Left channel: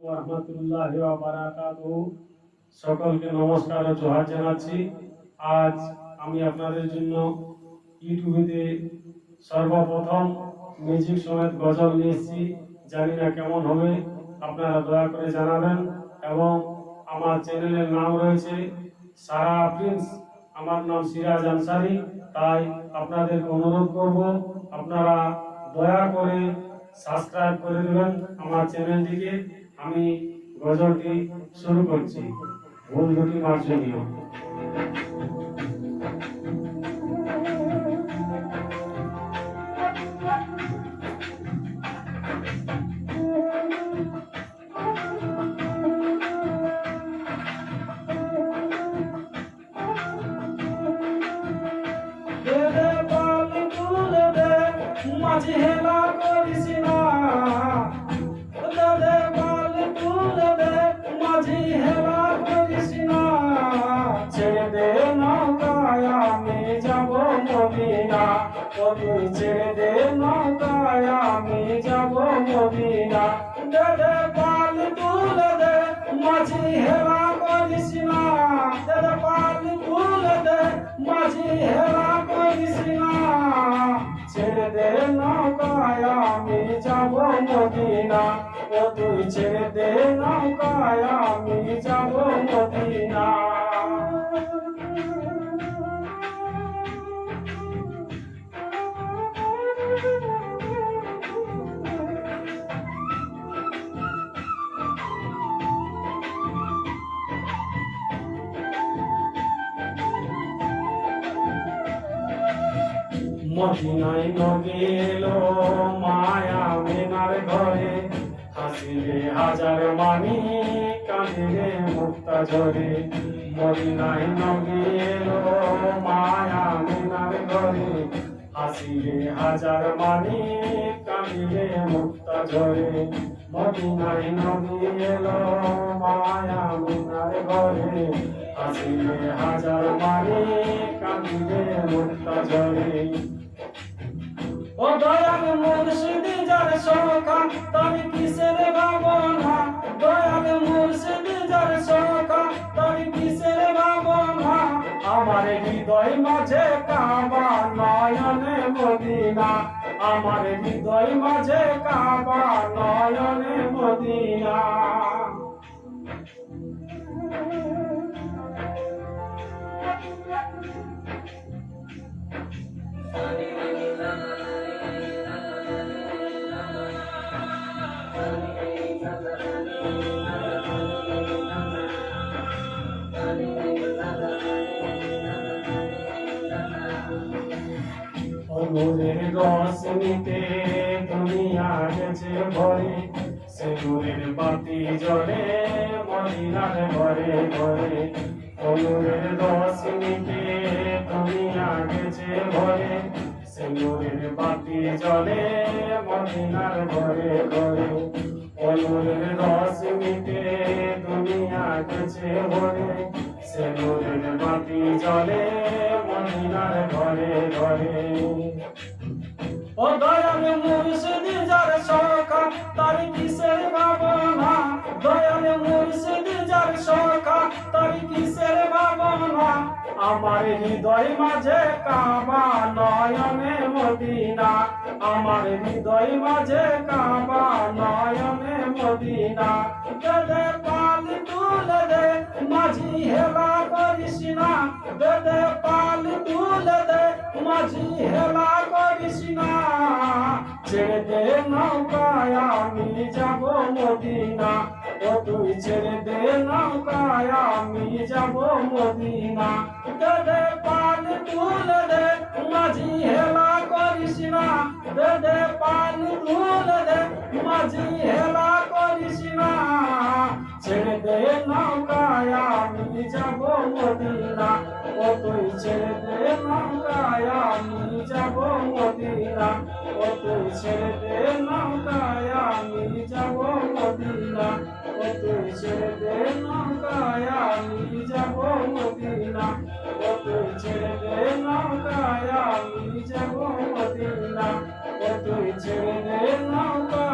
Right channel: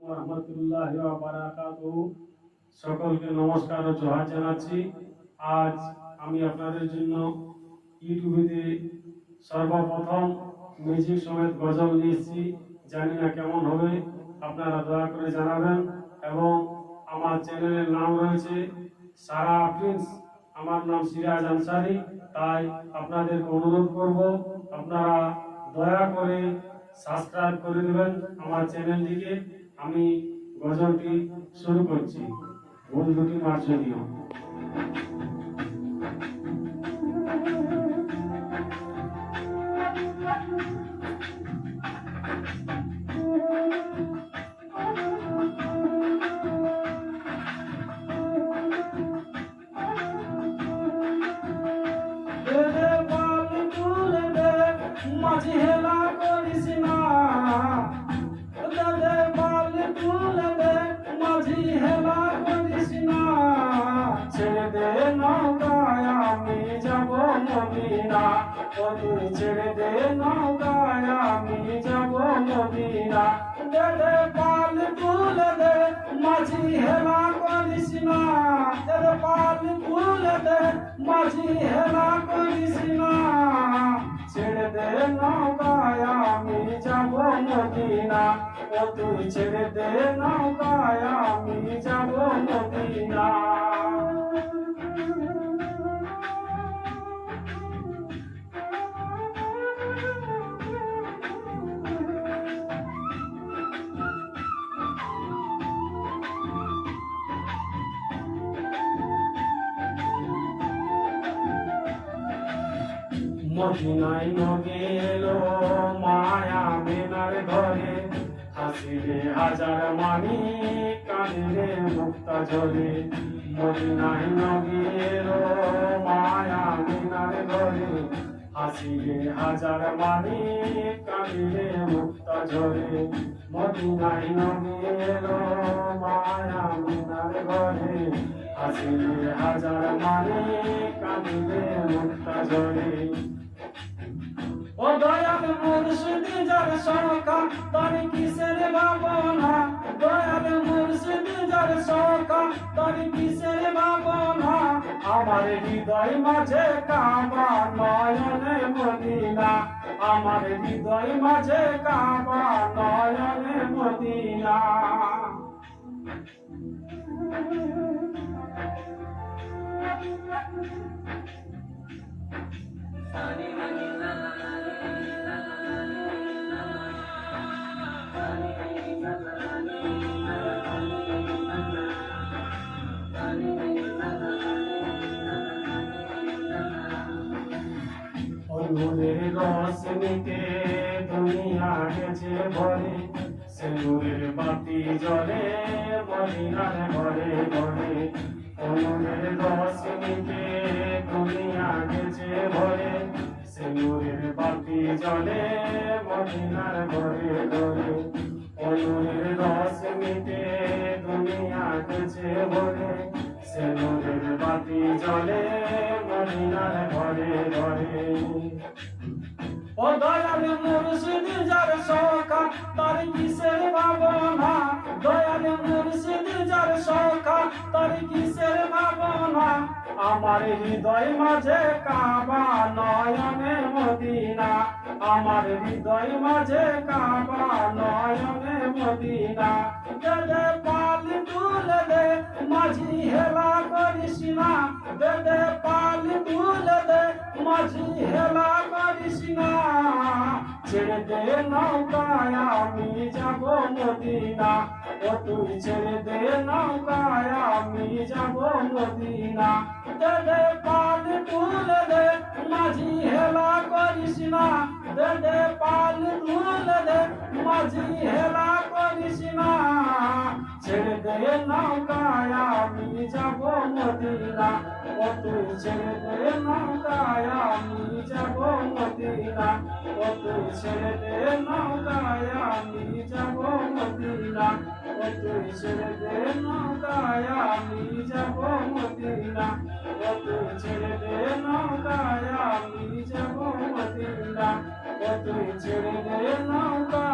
রহমতুল্লাহি ওয়া বারাকাতুহু। সকলকে নমস্কার ও জোহার জানাচ্ছি। আজ আমি আপনাদের জন্য ইউটিউবে সর্বপ্রথম মিউজিক সমেত গজল নিয়ে এসেছি। জানি না কেমন হবে, আপনারা দয়া করে জানাবেন। এবং আমার চ্যানেলের নাম রয়েছে সারা প্রিন্স, আমার নাম সিরাজ আনসারি। তাই আপনাদেরকে অনুরোধ করব, আপনারা দয়া করে সাবস্ক্রাইব করে দেবেন আমার চ্যানেলটিকে। আমি গজলটি শুরু করছি, ভুল দুটি মার্জনীয়। মাঝি হেলা করিস না, দাদে বাল তুলে দে, মাঝি হেলা করিস না। ছেড়ে দে নৌকায় আমি যাব মদিনা, ও তুই ছেড়ে দে নৌকায় আমি যাব মদিনা। দাদে বাল তুলে দে, মাঝি হেলা করিস না, দাদে বাল তুলে দে, মাঝি হেলা করিস না। ছেড়ে দে নৌকায় আমি যাব মদিনা, ও তুই ছেড়ে দে নৌকায় আমি যাব মদিনা। মদিনায় নগে এলো মায়া মেনার ঘরে, হাসিলে হাজার মানি কাঁদিলে মুক্তা ঝরে। মদিনায় নগে এলো মায়া মেনার ঘরে, হাসিলে হাজার মানি কাঁদিলে মুক্তা ঝরে। মদিনায় নগে এলো মায়া মেনার ঘরে, হাসিলে হাজার মানি কাঁদিলে মুক্তা ঝরে। ও দয়াল মুর্শিদ যার সখা, তার কিসের ভাবনা, দয়াল মুর্শিদ যার সখা, তার কিসের ভাবনা। আমার হৃদয় মাঝে কাবা নয়নে মদিনা, আমার হৃদয় মাঝে কাবা নয়নে মদিনা। নূরের রোশনীতে দুনিয়া গেছে ভরে, সে নূরের বাতি জ্বলে মদিনার ঘরে ঘরে। নূরের রোশনীতে দুনিয়া গেছে ভরে, সে নূরের বাতি জ্বলে মদিনার ঘরে ঘরে। নূরের রোশনীতে দুনিয়া গেছে ভরে, সে নূরের বাতি জ্বলে মদিনার ঘরে ঘরে। ও দয়াল মুর্শিদ যার সখা, তার কিসের ভাবনা, দয়াল মুর্শিদ যার সখা, তার কিসের ভাবনা। আমার হৃদয় মাঝে কাবা নয়নে মদিনা, আমার হৃদয় মাঝে কাবা নয়নে মদিনা। দে পাল তুলে দে, মাঝি হেলা করিস না, দে পাল তুলে দে, মাঝি হেলা করিস না। ছেড়ে দে নৌকায় আমি যাব মদিনা, ও তুই ছেড়ে দে নৌকায় আমি যাব মদিনা। দে পাল তুলে দে, মাঝি হেলা করিস না, দে পাল তুলে দে, মাঝি হেলা করিস না। ছেড়ে দে নৌকায় আমি যাব মদিনা, ও তুই ছেড়ে দে নৌকায় আমি যাব মদিনা, ও তুই ছেড়ে দে নৌকায় আমি যাব মদিনা, ও তুই ছেড়ে দে নৌকায় আমি যাব মদিনা, ও তুই ছেড়ে দে নৌকায় আমি যাব মদিনা, ও তুই ছেড়ে দে নৌকা